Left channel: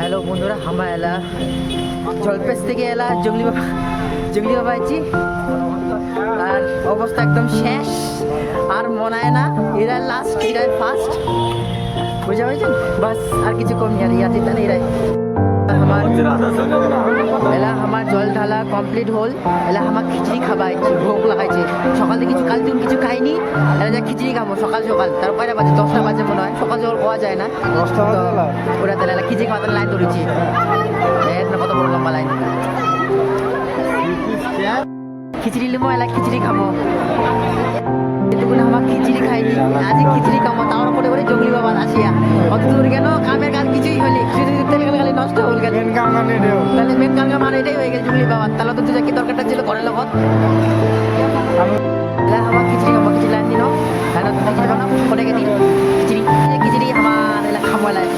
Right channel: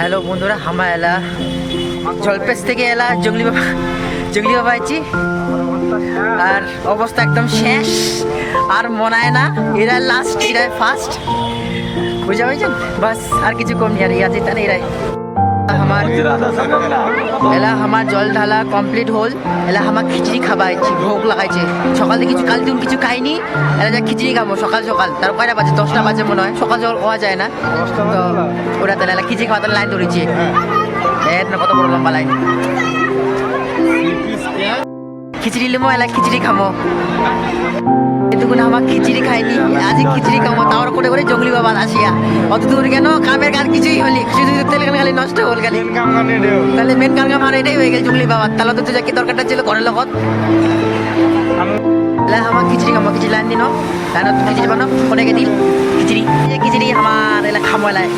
Hello বন্ধুরা, আমরা এলা জলপেশ থেকে এলা জঙ্গলি বাবা আইছি। আর অবস্থা একদম শেষ, আর মনে হয় না এরা লাস্ট, এরাই ফার্স্ট, বুঝা পাইছেন? বাস আর কিছু কম নেই, আর ইয়া যেতে না এরাই আমার এলা আমার জল ঢালা কমপ্লিট হল। এলা আমার খিচড়ি খাবাইছি, ভোগ লাগাইছে সকাল থেকে, কিছু কাল দিন কিছু খাইনি। এলা যা খিচড়ি খাবো সকাল সকাল, তার কয়টা বাজে 10টা বাজে মনে হয়, সকাল সকাল হওয়া যায় না তো ওরা তাহলে এলা খিচড়ি খাওয়াতে লাইন ধরেছে। কত বড় লম্বা লাইন, খিচড়ি লিমো, এলা খিচড়ি খামো। এতক্ষণ আমার খিচড়ি খাইনি, আজ খিচড়ি খামো, তাওয়ার করে করে জঙ্গলি বাবা আসিয়া অত দূর কেন, কামের কাজ কিছুই হলি, শুধু তেল খালি নষ্ট হল খালি, তাহলে মেন কাম আমার এটাই হয়ে গেল জঙ্গলি বাবা। তাহলে তো তুই কি দরকারটা ছিল ঘরের লগত আমার খিচড়ি খামো, খিচড়ি লাইন দিন লাইন খিচড়ি বানো কোনে দিল খিচড়ি আমার এলা খামো এলায়।